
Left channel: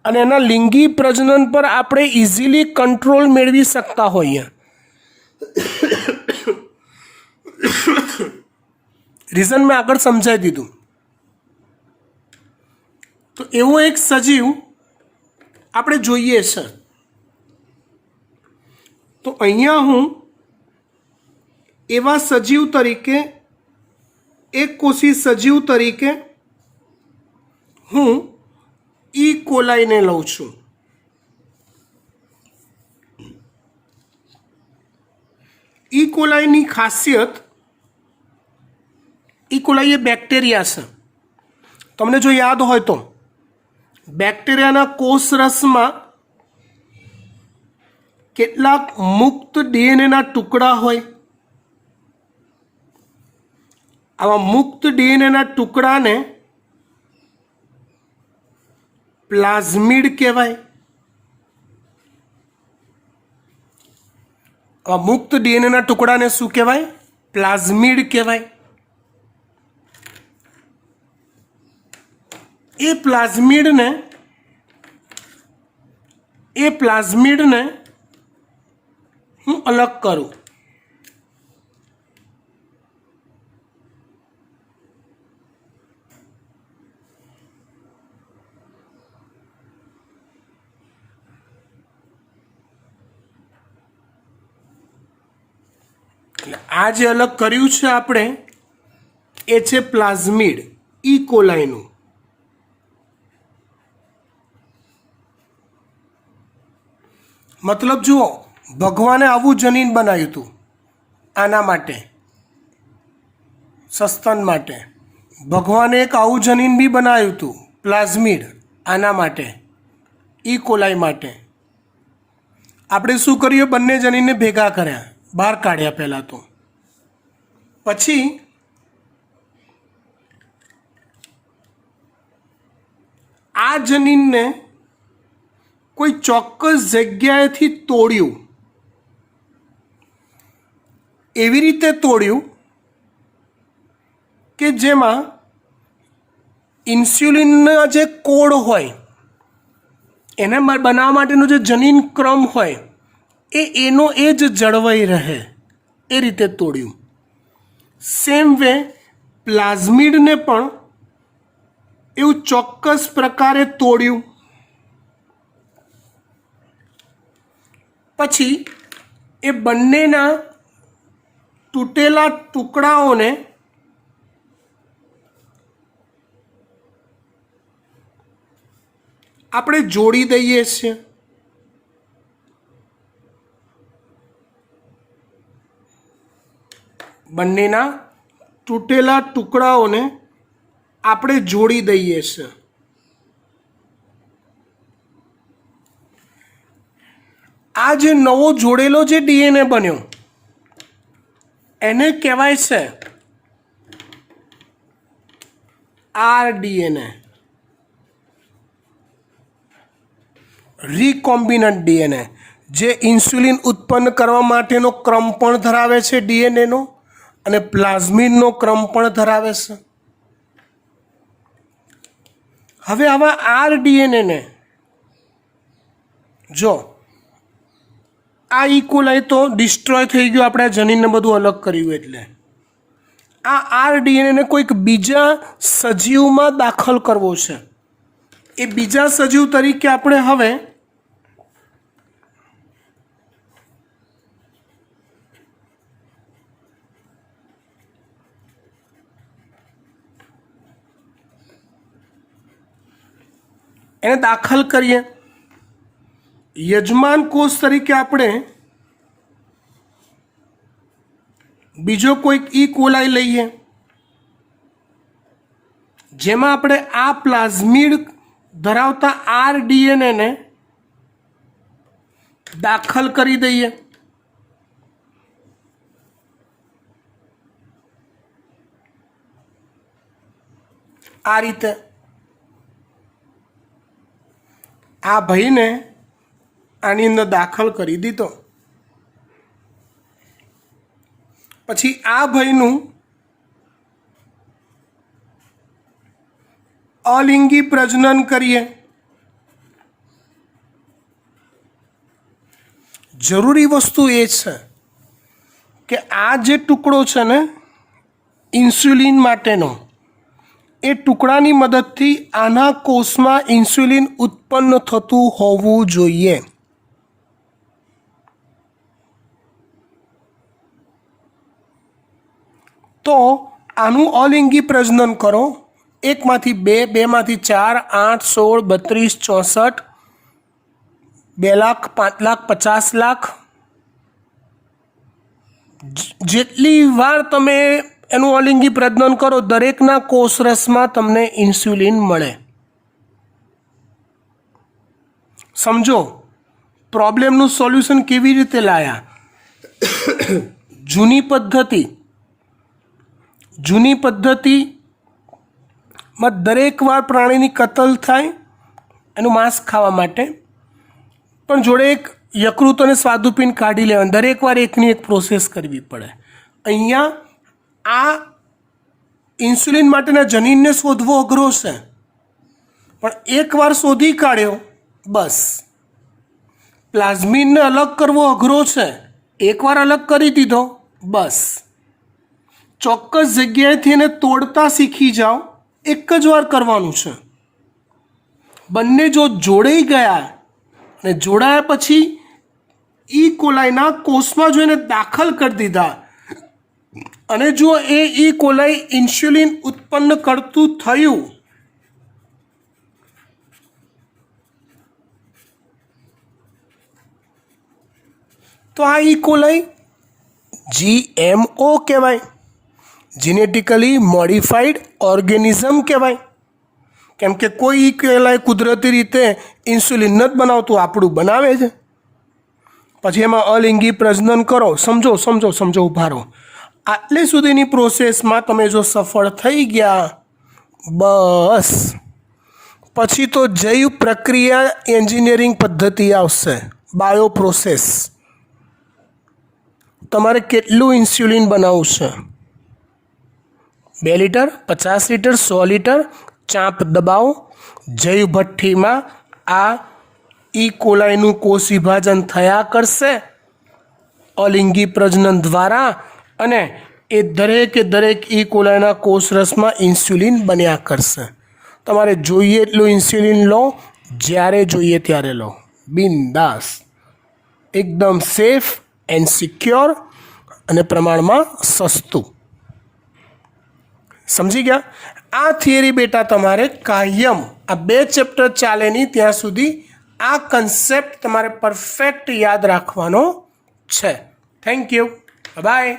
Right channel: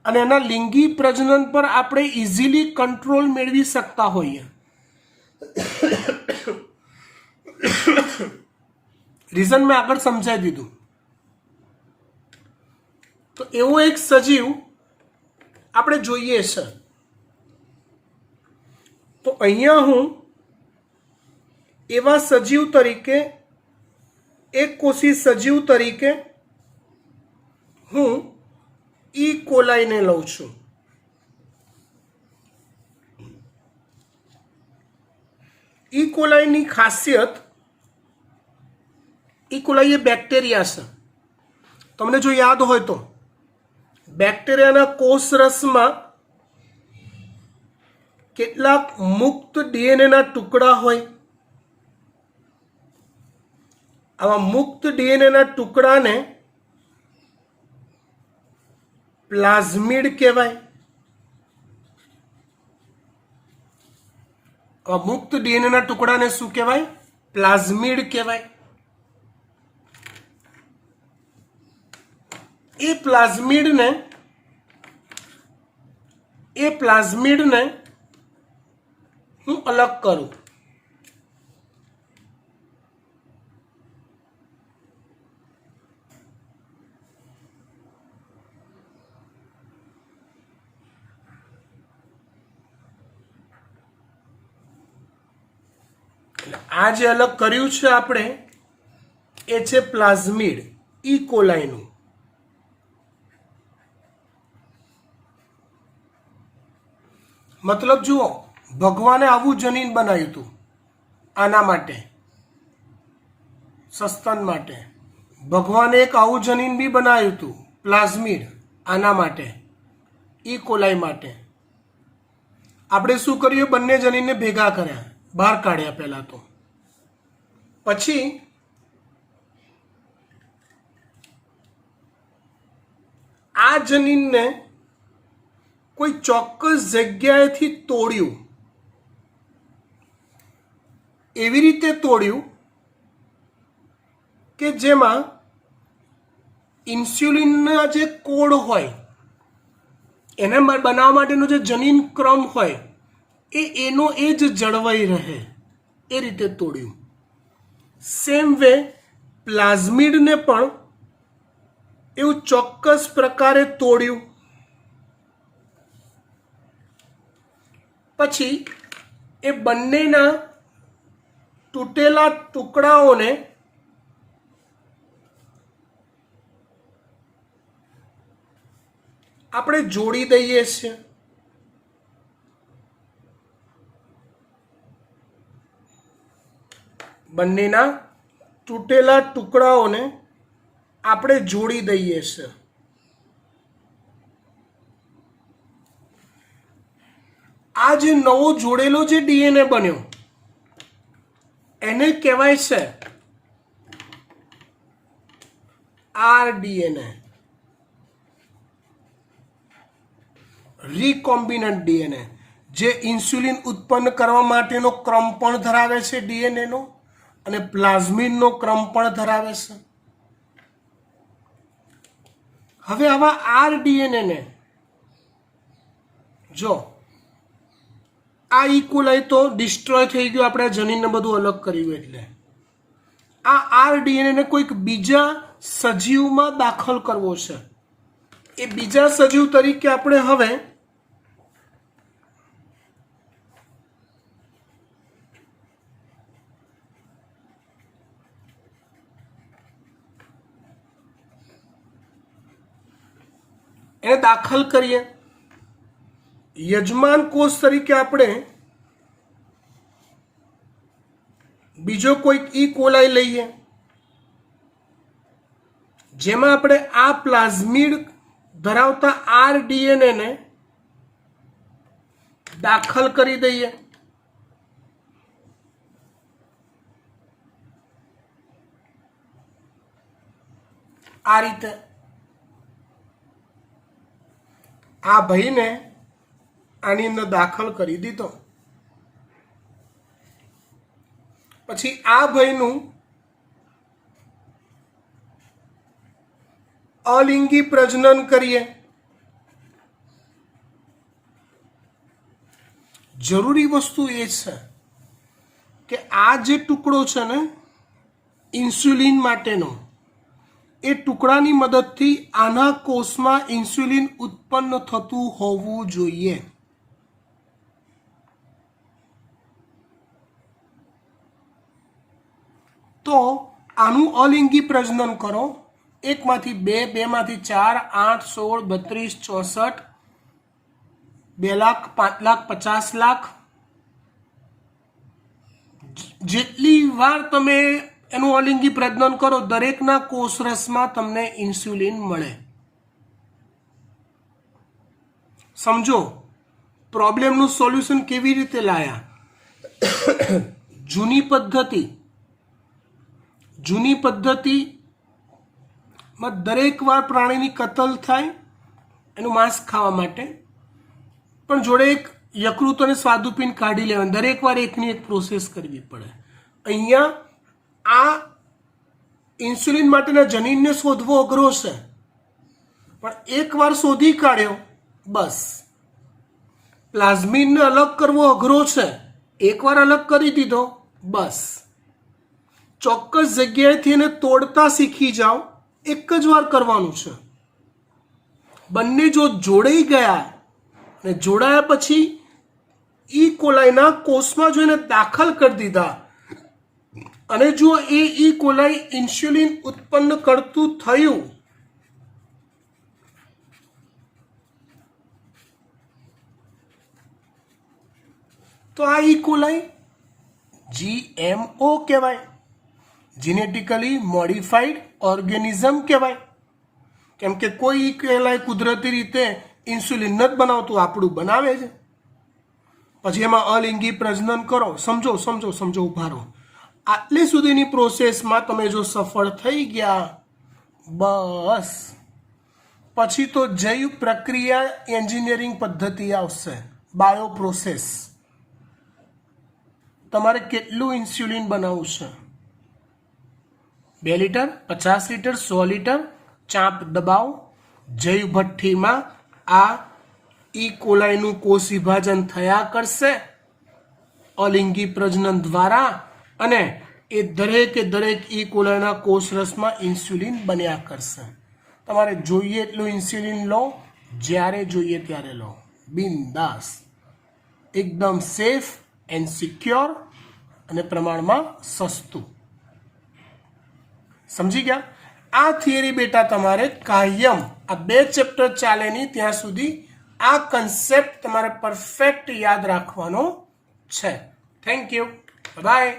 અને એના લિંગી પ્રજનન પર આપણે ઇઝીલી કંટ્રોલ મેળવી શકતા હોઈએ। રીઝન મેં આગળ સમજાવી દીધું। તો એવો એક સજીવ આપણે જોઈએ છે। तो अहींया हूँ एवा सजीव तरीके एक कोषी सजीव तरीके हूँ ई कोलाई ने लઉં છું। ई कोलाई नी खासियत ई कोलाई ये बेक्टेरिया है। तमने जो याद हो तो बेक्टेरिया ना कोष रस में કેટલાક મુક્ત ડીએનએના ટુકડા હોય। આવા મુક્ત ડીએનએના ટુકડાને પ્લાઝમિડ કહેવાય. મુક્ત ડીએનએના ટુકડાને શું કહેવાય? પ્લાઝમિડ કહેવાય. એ પ્લાઝમિડને હું અલગ કરું. આ જે અલગ કર્યું છે આપણે એ છે પ્લાઝમિડ ઈ કોલાઈનું. મતલબ જુઓ, ભગવાને આવું જનીન બનાવ્યું હતું આના માટે, સસ્તન માટે. ભગવાને એક આવું જનીન બી બનાવ્યું હતું પ્લાઝમિડ આના માટે, ઈ કોલાઈ માટે. આપણે શું કર્યું? બંને જનીનને ભેગા કર્યા, બહાર કાઢ્યા પહેલાં તો. પછી આ જનીનને કોઈ ચોક્કસ જગ્યાએથી તોડ્યું. એવી રીતે તોડ્યું કે જેમાં ઇન્સ્યુલિનના જે કોડ હોય એને બનાવવા માટેનો જે જનીન ક્રમ હોય એનો એ જ જળવાઈ રહે, એ રીતે તોડ્યું. સેમ વે પ્લાઝમિડને પણ એવું ચોક્કસ પ્રકારે તોડ્યું. પછી એ બંનેના તૂટેલા ટુકડાઓને આપણે જોડી દઈએ છીએ. બંનેના તૂટેલા ટુકડાઓને આપણે જોડી દઈએ છીએ. આ જે નવો જોડેલો જે ડીએનએ બન્યો એને કહેવાય છે આરડીએનએ, રિકોમ્બિનન્ટ ડીએનએ, જે ઇન્સ્યુલિન ઉત્પન્ન કરવા માટેનો ક્રમ પણ ધરાવે છે ડીએનએનો, અને પ્લાઝમિડનો ક્રમ પણ ધરાવે છે. હવે આવા આરડીએનએને જો આ ઇકોલાઈ તો ડિસ્ટ્રોય થઈ ગયું, આપણે જનીનને બધું અલગ કર્યું. એટલે આ આરડીએનએને કોઈક બીજા સજીવમાં દાખલ કરવો છે. એ બીજા સજીવ તરીકે આપણે હવે એને દાખલ કરીએ. યજમાન કોષ તરીકે આપણે બીજો કોઈક ઈ કોલાઈ લઈએ, જેમાં આપણે આ પ્લાઝમિડ ધરાવતા આરડીએનએને દાખલ કરી દઈએ. આ રીતે આ ભાઈને આની અંદર દાખલ કરી દીધો. પછી આ ભાઈનું અલિંગી પ્રજનન કરીએ. જરૂરી વસ્તુ એ છે કે આ જે ટુકડો છે ને ઇન્સ્યુલિન માટેનો, એ ટુકડાની મદદથી આના કોષમાં ઇન્સ્યુલિન ઉત્પન્ન થતું હોવું જોઈએ. તો આનું અલિંગી પ્રજનન કરો. 1 માંથી 2, 2 માંથી 4, 8, 16, 32, 64, 2 લાખ, 5 લાખ, 50 લાખ, જેટલી વાર તમે એનું અલિંગી પ્રજનન કરો દરેકના કોષરસમાં તમને ઇન્સ્યુલિન મળે. સમજો પ્રોબ્લેમનું સોલ્યુશન કેવી રીતે લાયા. જૂની પદ્ધતિમાં દરેક વાર પ્રાણીની કતલ થાય એનું માંસ ખાવા માટે, પણ જોડે એક યકૃત અને સ્વાદુપિંડ કાઢી લેવાનું. દરેક વાર એકની એક પ્રોસેસ કરવી પડે. અહીંયા આ ઇન્સ્યુલિન માટેના જનીનને શોધવો અઘરો છે, પણ એકવાર શોધી કાઢ્યો બસ. પ્લાઝમિનને અલગ કરવો અઘરો છે, એકવાર અલગ કરી દીધો બસ. ચોક્કસ જગ્યાએથી એને તોડતા શીખી જાઓ, એક જ વાર કરવાનું છે. બંને જો જોડાઈ ગયા અને જોડાયા પછી ઈ કોલાઈના કોષમાં જો એને દાખલ કરી દીધા અને જો એ ઈ કોલાઈ ઇન્સ્યુલિન ઉત્પન્ન કરતું થયું તો આ ઈ કોલાઈ GMO કહેવાય, જીનેટિકલી મોડિફાઈડ ઓર્ગેનિઝમ કહેવાય. કેમ કે કોઈ ઈ કોલાઈ કુદરતી રીતે ઇન્સ્યુલિન નથી બનાવતું, આપણું બનાવે છે. પછી એમાં અલિંગી પ્રજનન કરો. સમજો સમજો સમજો, ઉભા રહો. આટલી સુધીની પ્રોસેસમાં તમે જો સફળ થઈ ગયા બસ, પછી તો જૈવ પ્રક્રિયા એન્જિનિયરિંગ પદ્ધતિ આવશે, બાયો પ્રોસેસ. તમારે કેટલું ઇન્સ્યુલિન બનાવવું છે? 2 લીટર, 50 લીટર, 100 લીટર? ચાંપ દબાવો. જૈવ ભઠ્ઠીમાં આ ઈ કોલાઈનું કોષ વિભાજન થયા કરશે અલિંગી પ્રજનન દ્વારા, અને એ દરેકે દરેક ઈ કોલાઈના કોષરસમાં ઇન્સ્યુલિન બન્યા કરશે. તમારે જોઈએ એટલું ઇન્સ્યુલિન લો, જ્યારે જોઈએ ત્યારે લો, બિંદાસ, એકદમ સેફ એન્ડ સિક્યોર અને પ્રમાણમાં સસ્તું. સમજી ગયા? આ થિયરી બેટા તમારે કાયમ આ 2 ચેપ્ટર ચાલે નહીં ત્યાં સુધી આ કન્સેપ્ટ તમારે પરફેક્ટ યાદ રાખવાનો છે. Thank you, by.